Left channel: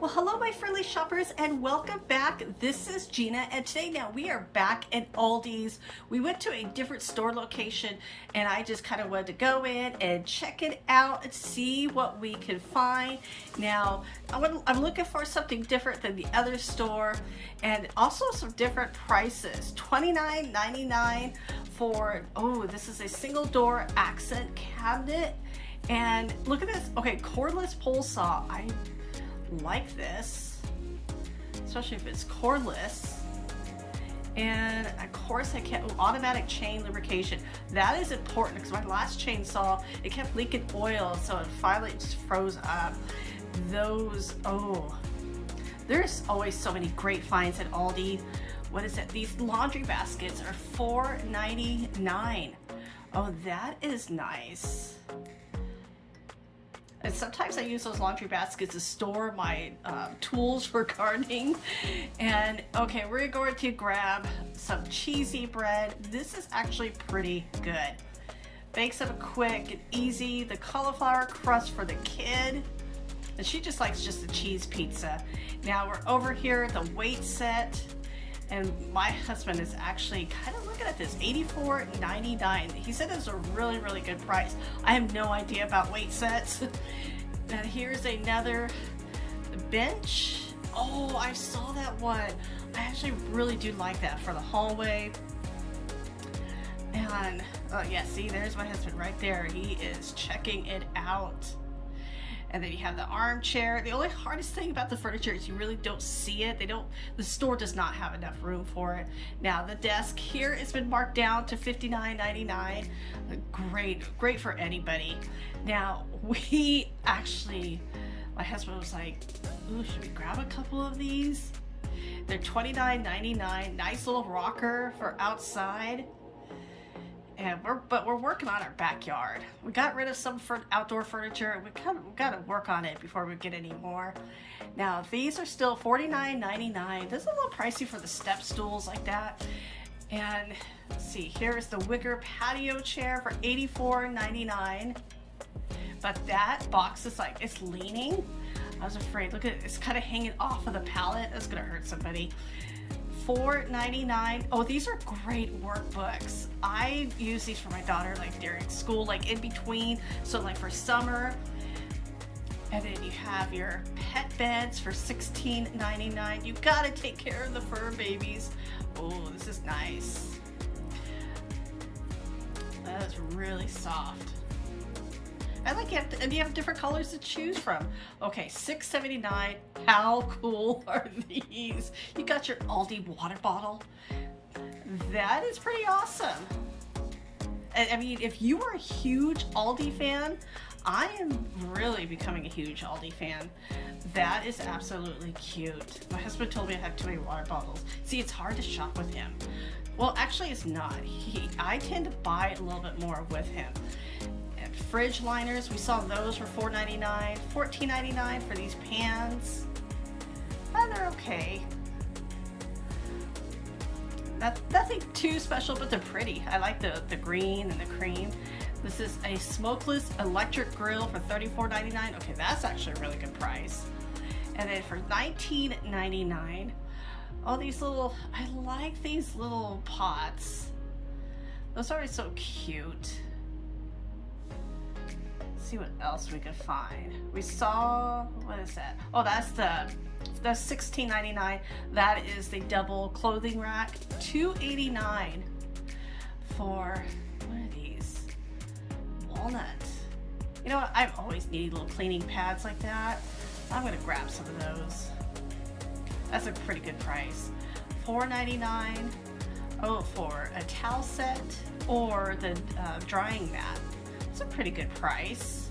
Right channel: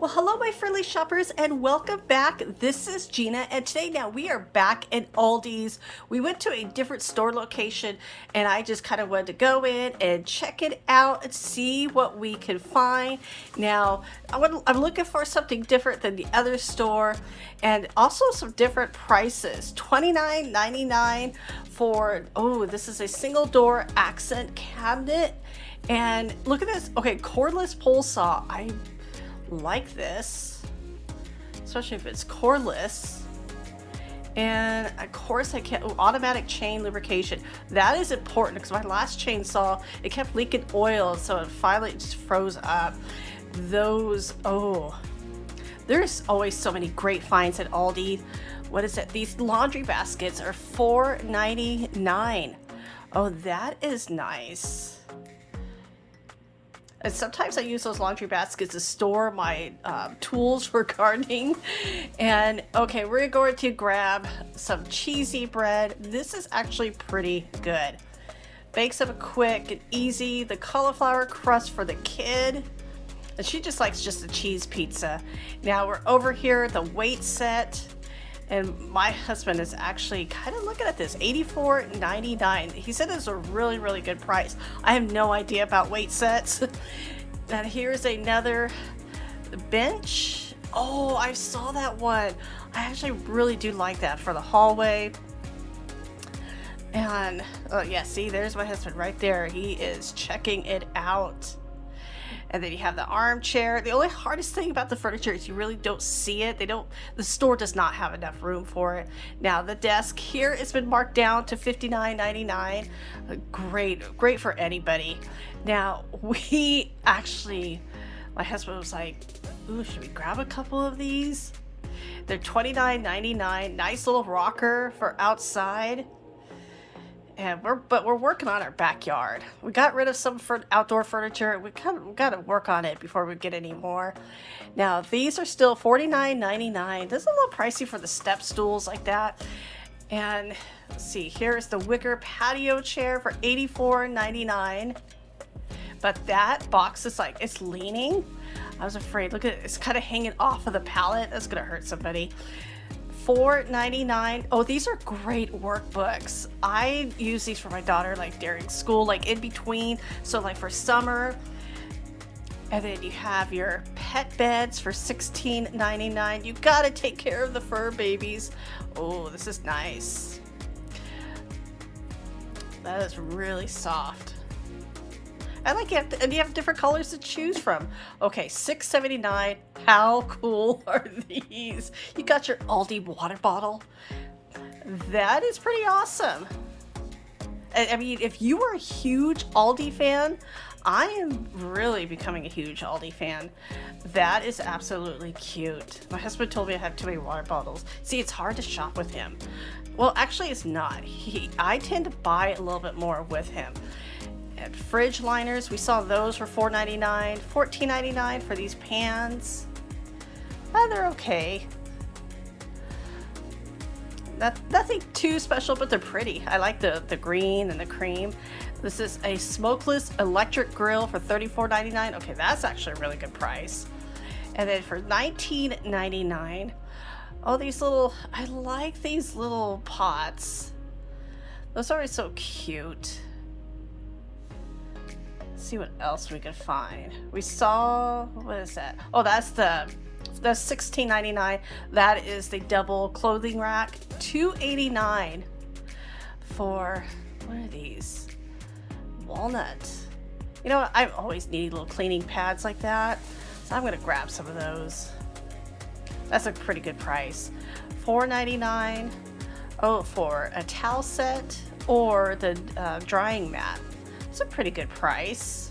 Well, hello, my friendly shoppers, and welcome back. This is Gina, and today now we are back at Aldi's. We went to a different store location, and I just kind of wanted to go in and check it out and see what we can find. Now, I'm looking for something different than the other store, and also some different prices. $29.99 for, oh, this is a single door accent cabinet. And look at this. Okay, cordless pole saw. I like this, especially if it's cordless. And of course I can't, automatic chain lubrication. That is important because my last chainsaw, it kept leaking oil, so it finally just froze up. Those, oh, there's always so many great finds at Aldi. What is it? These laundry baskets are $4.99. Oh, that is nice. And sometimes I use those laundry baskets to store my tools for gardening. And okay, we're going to grab some cheesy bread. This is actually pretty good. Bakes up quick and easy. The cauliflower crust for the kid. And she just likes just the cheese pizza. Now we're over here at the weight set. And my husband is actually kind of looking at this, $84.99. He said it's a really, really good price. I have no idea about weight sets. And here's another bench. Oh, I saw that one. I actually really do like that for the hallway. And oh yeah, see, there's my husband right there. He is checking it out. And then you have the armchair. The only hardest thing about the furniture is you really don't see it. The store does not have enough room for it. Now the desk here, it's been marked down to $59.99. Great for anybody. Now my husband was like, ooh, should we grab a couple of these? They're $29.99. Nice little rocker for outside. And we're working on our backyard. We got rid of some outdoor furniture. We got to work on it before we get any more. Now these are still $49.99. This is a little pricey for the step stools like that. And let's see, here's the Wicker patio chair for $84.99. But that box is like, it's leaning. I was afraid. Look at it. It's kind of hanging off of the pallet. That's gonna hurt somebody. $4.99. Oh, these are great workbooks. I use these for my daughter like during school, like in between, so like for summer. And then you have your pet beds for $16.99. You gotta take care of the fur babies. Oh, this is nice. That is really soft. I like it, and you have different colors to choose from. Okay, $6.79. How cool are these? You got your Aldi water bottle. That is pretty awesome. I mean, if you are a huge Aldi fan, I am really becoming a huge Aldi fan. That is absolutely cute. My husband told me I have too many water bottles. See, it's hard to shop with him. Well, actually, it's not. I tend to buy a little bit more with him. And fridge liners, we saw those for $4.99, $14.99 for these pans. They're okay. Nothing too special, but they're pretty. I like the green and the cream. This is a smokeless electric grill for $34.99. Okay, that's actually a really good price. And then for $19.99, oh, these little, I like these little pots. Those are so cute. See what else we could find. We saw, what is that? Oh, that's $16.99. That is the double clothing rack. $2.89 for, what are these? Walnut. You know what? I always need little cleaning pads like that. I'm gonna grab some of those. That's a pretty good price. $4.99. Oh, for a towel set or the drying mat. It's a pretty good price.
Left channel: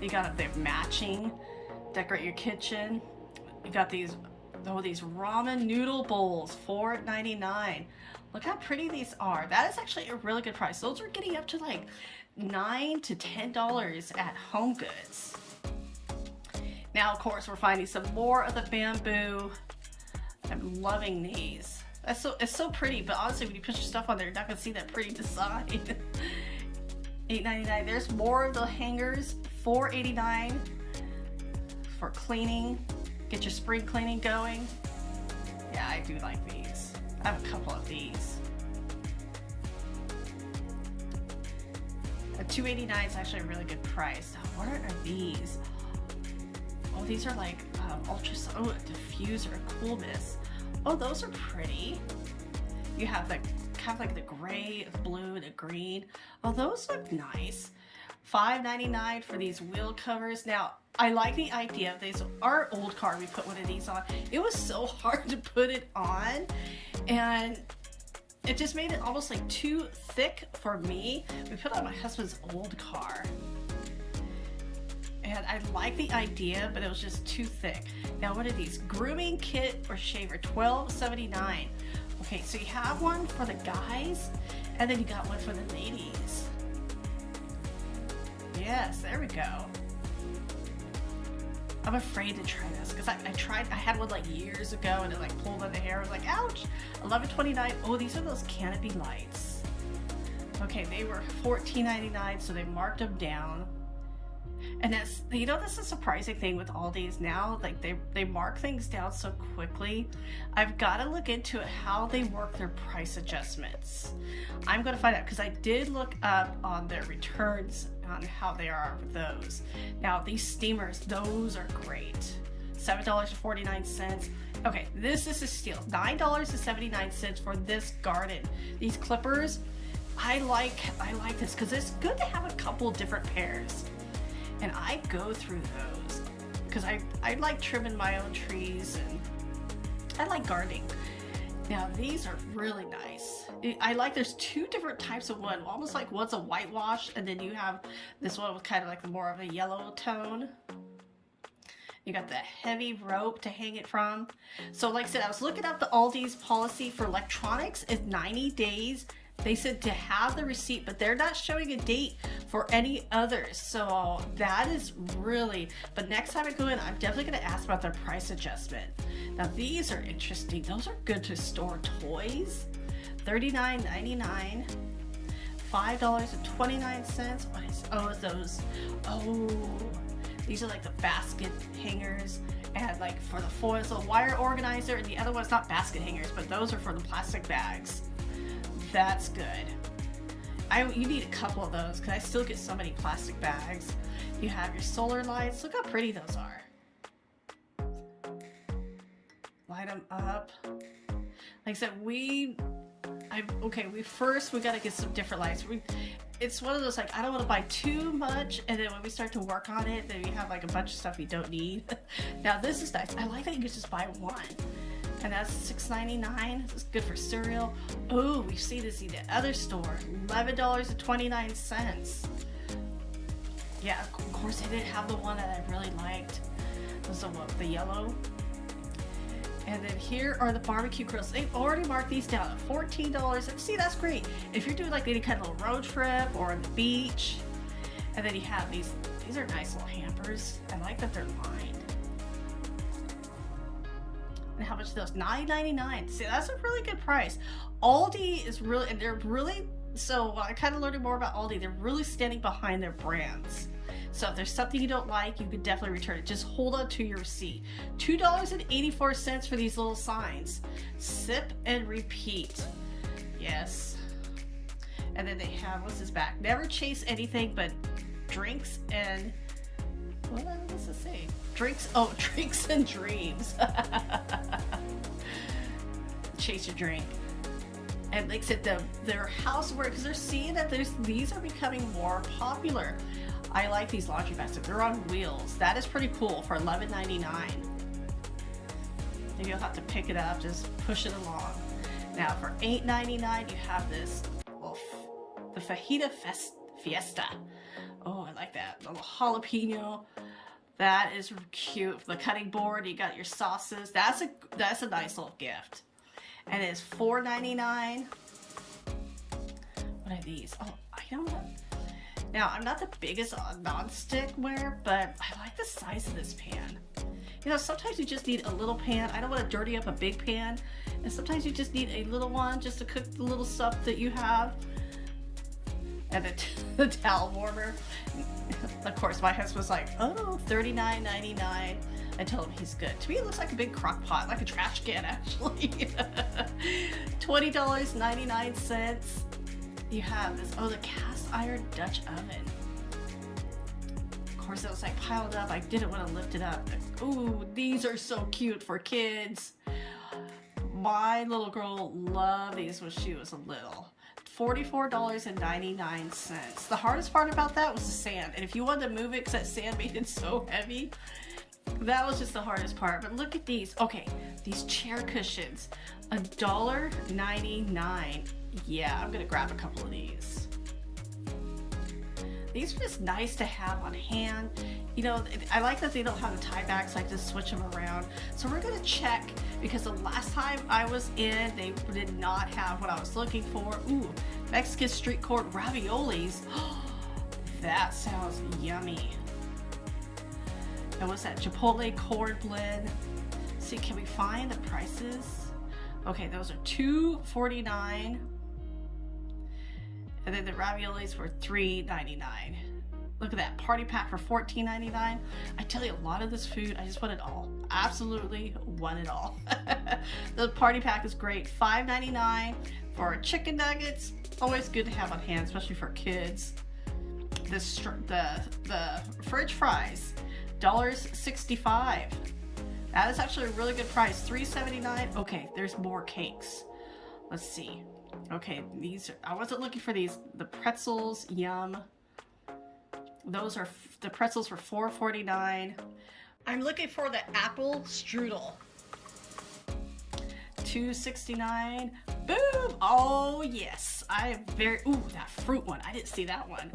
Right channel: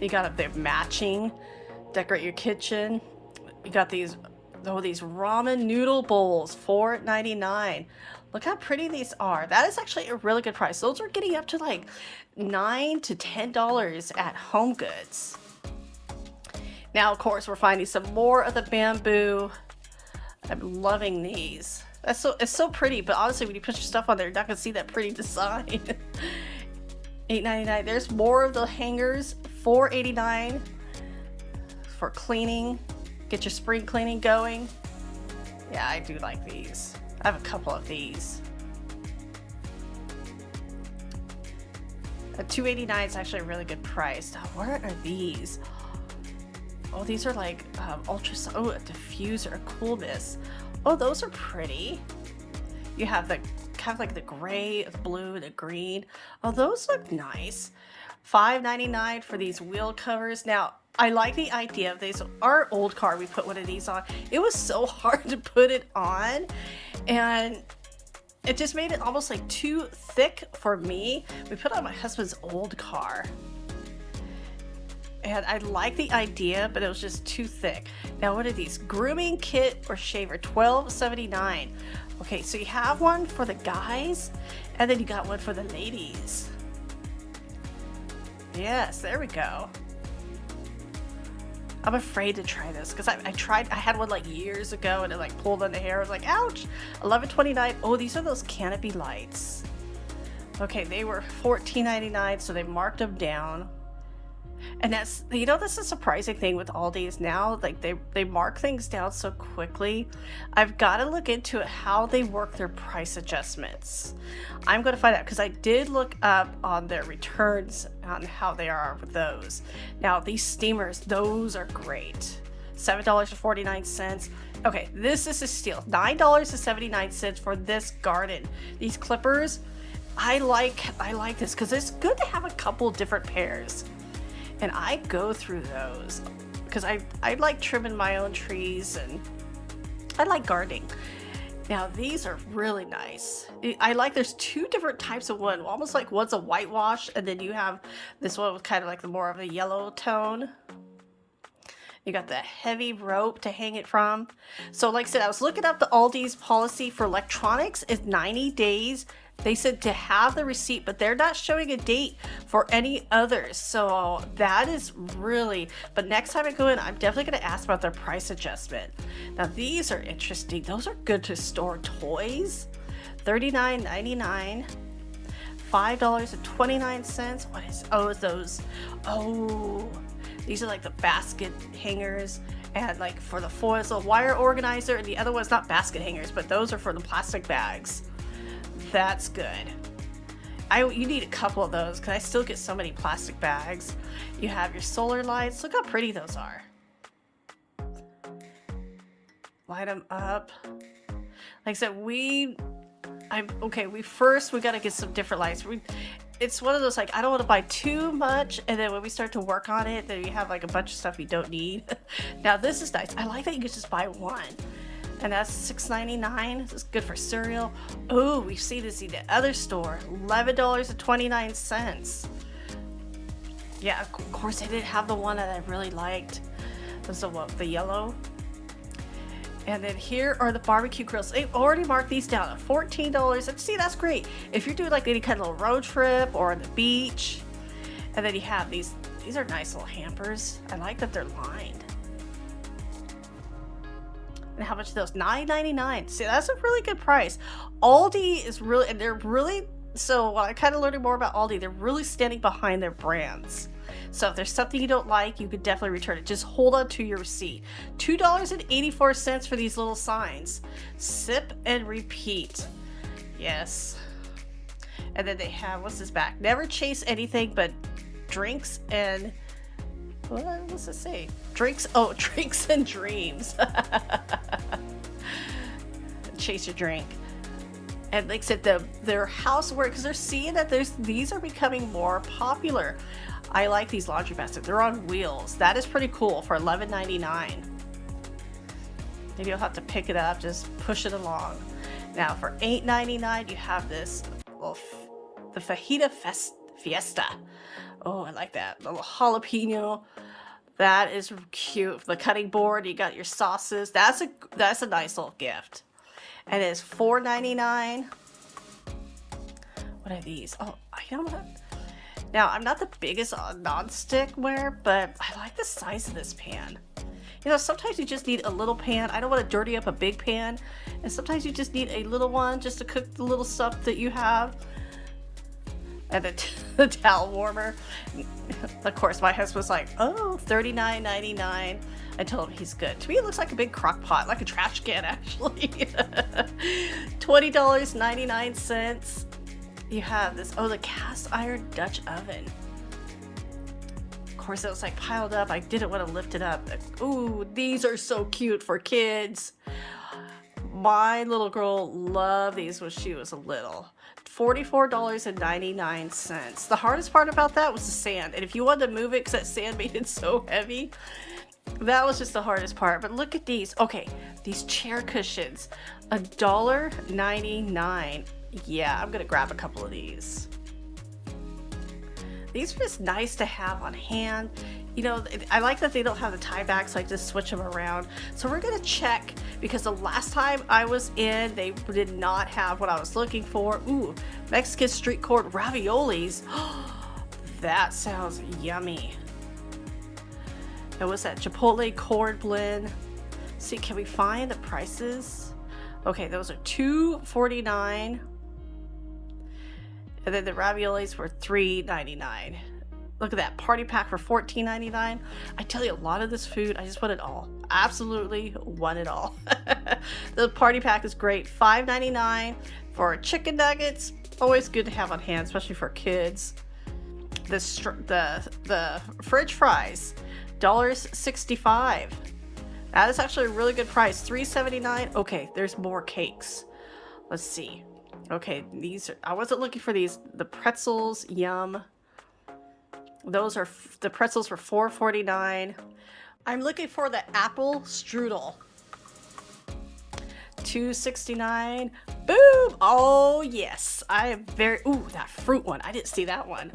You got their matching, decorate your kitchen. You got these ramen noodle bowls, $4.99. Look how pretty these are. That is actually a really good price. Those are getting up to like $9 to $10 at Home Goods. Now, of course, we're finding some more of the bamboo. I'm loving these. It's so pretty, but honestly, when you put your stuff on there, you're not gonna see that pretty design. $8.99. There's more of the hangers. $4.89 for cleaning. Get your spring cleaning going. Yeah, I do like these. I have a couple of these. A $2.89 is actually a really good price. Now, what are these? Oh, these are like ultra. Oh, a diffuser, a coolness. Oh, those are pretty. You have the kind of like the gray, the blue, the green. Oh, those look nice. $5.99 for these wheel covers. Now, I like the idea of these. Our old car, we put one of these on. It was so hard to put it on, and it just made it almost like too thick for me. We put it on my husband's old car, and I like the idea, but it was just too thick. Now, what are these? Grooming Kit or shaver, $12.79. Okay, so you have one for the guys, and then you got one for the ladies. Yes, there we go. I'm afraid to try this because I had one like years ago and it like pulled on the hair. I was like, ouch. $11.29. Oh, these are those Canopy Lights. Okay, they were $14.99, so they marked them down. And that's, you know, that's a surprising thing with Aldi's now. Like they mark things down so quickly. I've got to look into how they work their price adjustments. I'm going to find out because I did look up on their returns on how they are with those. Now these steamers, those are great. $7.49. Okay, this is a steal. $9.79 for this garden. These clippers, I like this because it's good to have a couple different pairs. And I go through those because I like trimming my own trees and I like gardening. Now these are really nice. I like there's two different types of wood. Almost like one's a whitewash and then you have this one with kind of like the more of a yellow tone. You got the heavy rope to hang it from. So like I said, I was looking up the Aldi's policy for electronics is 90 days. They said to have the receipt, but they're not showing a date for any others. So that is really, but next time I go in, I'm definitely going to ask about their price adjustment. Now these are interesting. Those are good to store toys. $39.99, $5.29. What is those? Oh, these are like the basket hangers and like for the foils, a wire organizer, and the other one's not basket hangers, but those are for the plastic bags. That's good. You need a couple of those because I still get so many plastic bags. You have your solar lights. Look how pretty those are. Light them up. Like I said, we gotta get some different lights. It's one of those like I don't want to buy too much, and then when we start to work on it, then you have like a bunch of stuff you don't need. Now this is nice. I like that you can just buy one. And that's $6.99. This is good for cereal. Oh, we've seen this in the other store. $11.29. Yeah, of course I didn't have the one that I really liked. It was the yellow. And then here are the barbecue grills. They've already marked these down at $14. And see, that's great. If you're doing like any kind of little road trip or on the beach. And then you have these are nice little hampers. I like that they're lined. And how much are those? $9.99. See, that's a really good price. Aldi is really, and they're really, so I kind of learning more about Aldi. They're really standing behind their brands. So if there's something you don't like, you could definitely return it. Just hold on to your receipt. $2.84 for these little signs. Sip and repeat. Yes. And then they have, what's this back? Never chase anything but drinks and, what does it say? Drinks and dreams. Chase your drink. And like I said, their houseware, because they're seeing that these are becoming more popular. I like these laundry baskets. They're on wheels. That is pretty cool for $11.99. Maybe you'll have to pick it up, just push it along. Now for $8.99, you have this, the Fajita Fiesta. Oh, I like that. A little jalapeno. That is cute. The cutting board, you got your sauces. That's a nice little gift. And it's $4.99. What are these? Oh, I don't know. Now, I'm not the biggest non-stick ware, but I like the size of this pan. You know, sometimes you just need a little pan. I don't want to dirty up a big pan. And sometimes you just need a little one just to cook the little stuff that you have. And the towel warmer. Of course, my husband was like, oh, $39.99. I told him he's good. To me, it looks like a big crock pot, like a trash can, actually. $20.99. You have this, oh, the cast iron Dutch oven. Of course, it was like piled up. I didn't want to lift it up. Ooh, these are so cute for kids. My little girl loved these when she was little. $44.99. The hardest part about that was the sand. And if you wanted to move it because that sand made it so heavy, that was just the hardest part. But look at these. Okay, these chair cushions. $1.99. Yeah, I'm going to grab a couple of these. These are just nice to have on hand. You know, I like that they don't have the tie back, so I just switch them around. So we're gonna check, because the last time I was in, they did not have what I was looking for. Ooh, Mexican street corn raviolis. That sounds yummy. And what's that? Chipotle corn blend. See, can we find the prices? Okay, those are $2.49. And then the raviolis were $3.99. Look at that, party pack for $14.99. I tell you, a lot of this food, I just want it all. Absolutely want it all. The party pack is great. $5.99 for chicken nuggets. Always good to have on hand, especially for kids. The fridge fries, $1.65. That is actually a really good price. $3.79. Okay, there's more cakes. Let's see. Okay, these are, I wasn't looking for these. The pretzels, yum. Those are, the pretzels were $4.49. I'm looking for the apple strudel. $2.69. Boom! Oh yes, I am very, ooh, that fruit one. I didn't see that one.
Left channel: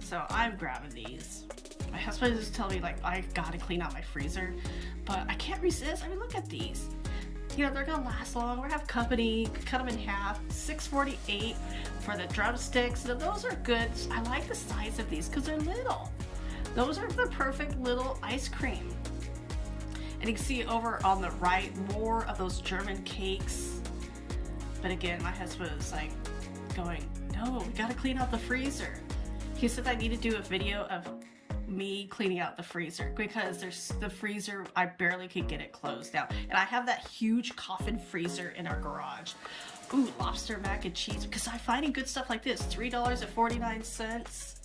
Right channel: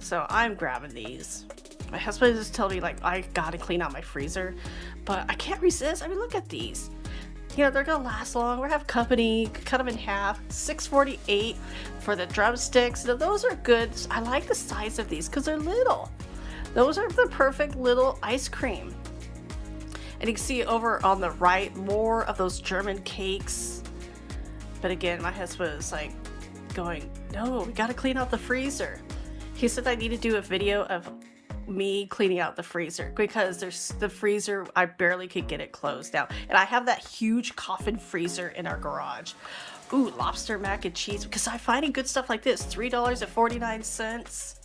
So I'm grabbing these. My husband just told me, like, I gotta clean out my freezer, but I can't resist. I mean, look at these. You know, they're gonna last long. We're gonna have company. Cut them in half. $6.48 for the drumsticks. Now, those are good. I like the size of these because they're little. Those are the perfect little ice cream. And you can see over on the right, more of those German cakes. But again, my husband was like going, no, we gotta clean out the freezer. He said I need to do a video of me cleaning out the freezer because there's the freezer, I barely could get it closed down. And I have that huge coffin freezer in our garage. Ooh, Lobster Mac and Cheese, because I'm finding good stuff like this. $3.49.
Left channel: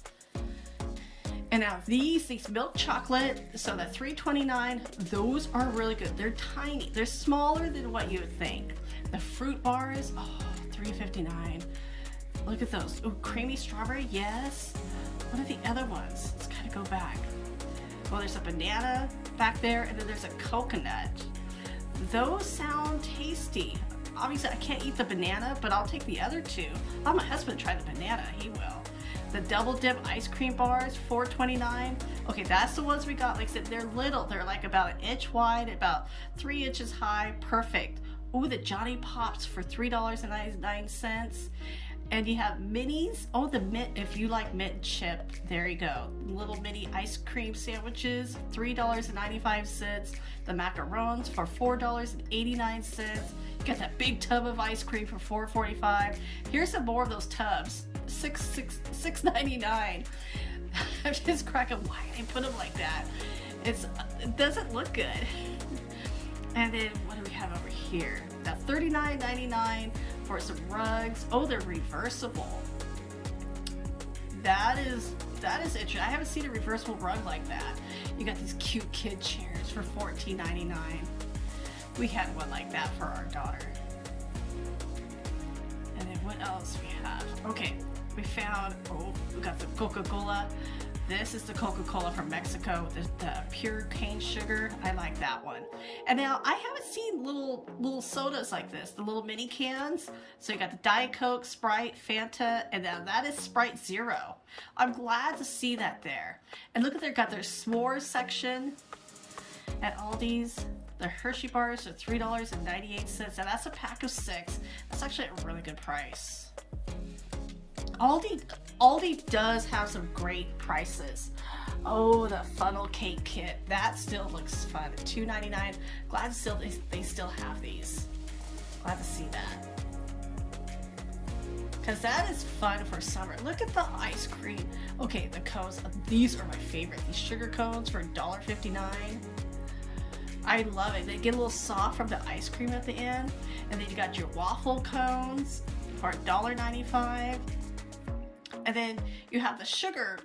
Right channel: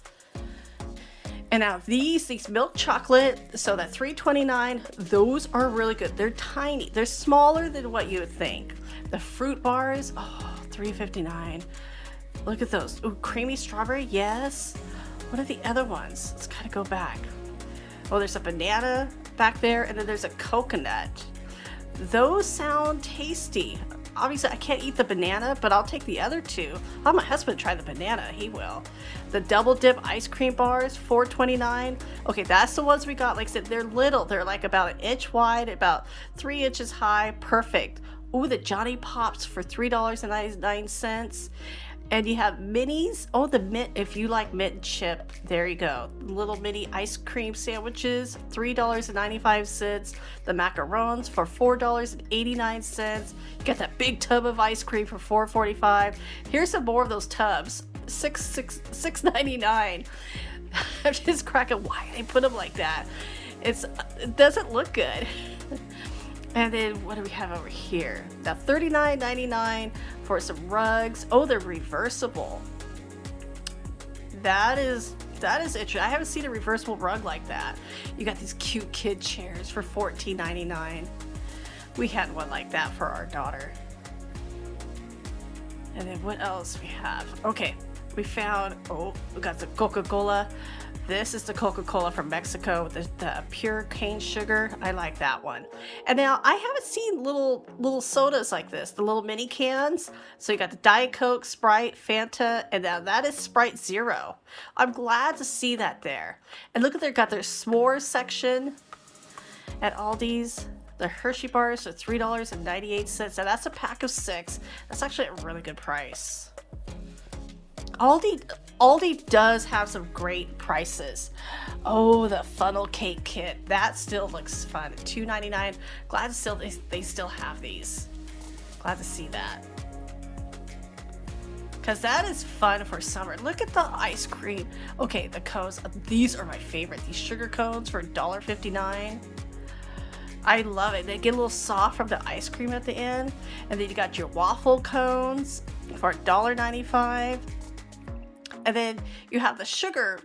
And now these milk chocolate, so that $3.29, those are really good. They're tiny. They're smaller than what you would think. The fruit bars, oh, $3.59. Look at those. Ooh, creamy strawberry, yes. What are the other ones? Let's kind of go back. Oh, there's a banana back there, and then there's a coconut. Those sound tasty. Obviously, I can't eat the banana, but I'll take the other two. I'll have my husband try the banana. He will. The double dip ice cream bars, $4.29. Okay, that's the ones we got. Like I said, they're little. They're like about an inch wide, about 3 inches high. Perfect. Ooh, the Johnny Pops for $3.99. And you have minis. Oh, the mint, if you like mint chip, there you go. Little mini ice cream sandwiches, $3.95. The macarons for $4.89. You got that big tub of ice cream for $4.45. Here's some more of those tubs, $6.99. I'm just cracking why they put them like that. It doesn't look good. And then what do we have over here? Now $39.99 for some rugs. Oh, they're reversible. That is interesting. I haven't seen a reversible rug like that. You got these cute kid chairs for $14.99. We had one like that for our daughter. And then what else we have? Okay, we found, oh, we got the Coca-Cola. This is the Coca-Cola from Mexico, the pure cane sugar. I like that one. And now I haven't seen little sodas like this, the little mini cans. So you got the Diet Coke, Sprite, Fanta, and now that is Sprite Zero. I'm glad to see that there. And look at got their s'mores section at Aldi's. The Hershey Bars are $3.98. Now that's a pack of 6. That's actually a really good price. Aldi does have some great prices. Oh, the funnel cake kit. That still looks fun. $2.99. Glad they still have these. Glad to see that. because that is fun for summer. Look at the ice cream. Okay, the cones. These are my favorite. These sugar cones for $1.59. I love it. They get a little soft from the ice cream at the end. And then you got your waffle cones for $1.95. And then you have the sugar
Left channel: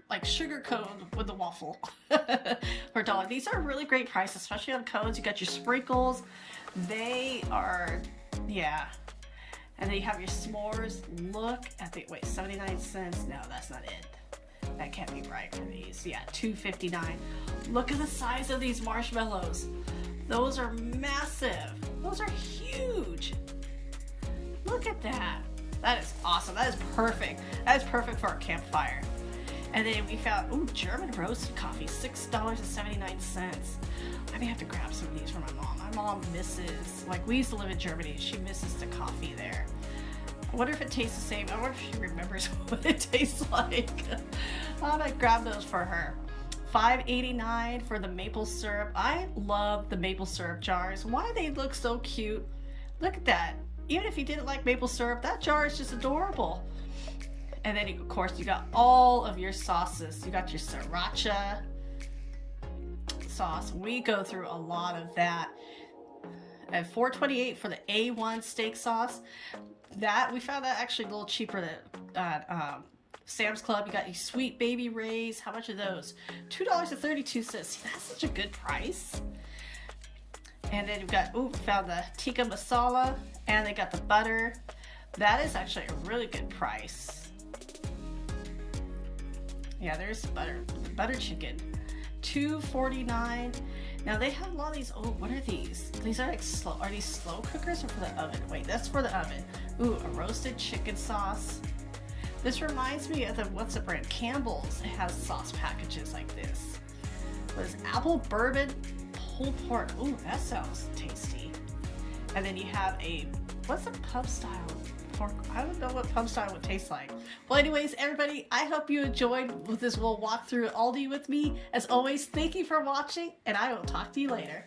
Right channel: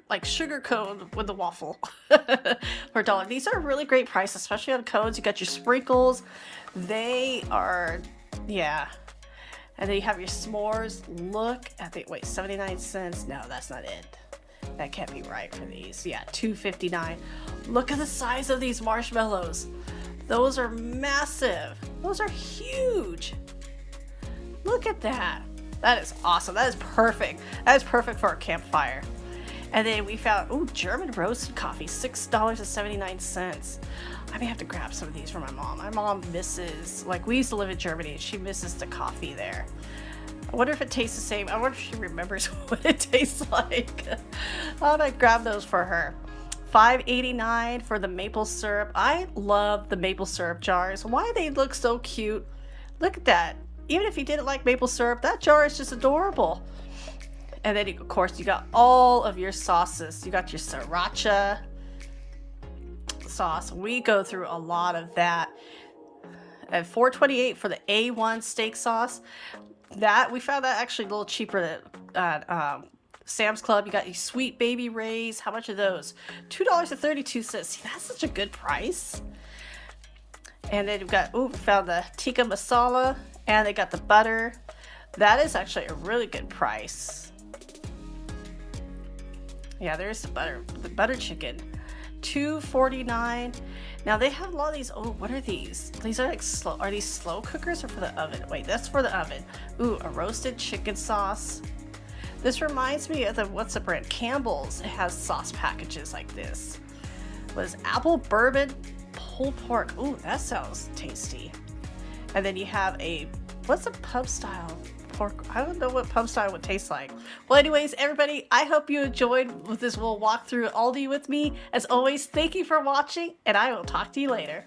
cone with the waffle for $1. These are a really great price, especially on cones. You got your sprinkles. They are, yeah. And then you have your s'mores. Look at the, wait, 79 cents. No, that's not it. That can't be right for these. Yeah, $2.59. Look at the size of these marshmallows. Those are massive. Those are huge. Look at that. That is awesome. That is perfect. That is perfect for a campfire. And then we found, ooh, German roasted coffee, $6.79. I may have to grab some of these for my mom. My mom misses, like, we used to live in Germany, and she misses the coffee there. I wonder if it tastes the same. I wonder if she remembers what it tastes like. I might grab those for her. $5.89 for the maple syrup. I love the maple syrup jars. Why they look so cute. Look at that. Even if you didn't like maple syrup, that jar is just adorable. And then, of course, you got all of your sauces. You got your sriracha sauce. We go through a lot of that. At $4.28 for the A1 steak sauce. That, we found that actually a little cheaper at Sam's Club. You got your Sweet Baby Ray's. How much are those? $2.32. See, that's such a good price. And then we've got, ooh, we found the tikka masala, and they got the butter. That is actually a really good price. Yeah, there's the butter chicken. $2.49. Now they have a lot of these. Oh, what are these? These are like slow. Are these slow cookers or for the oven? Wait, that's for the oven. Ooh, a roasted chicken sauce. This reminds me of the, what's the brand? Campbell's. It has sauce packages like this. What is apple bourbon pulled pork? Ooh, that sounds tasty. And then you have a, what's a pub style pork? I don't know what pub style would taste like. Well, anyways, everybody, I hope you enjoyed this little walk through Aldi with me. As always, thank you for watching, and I will talk to you later.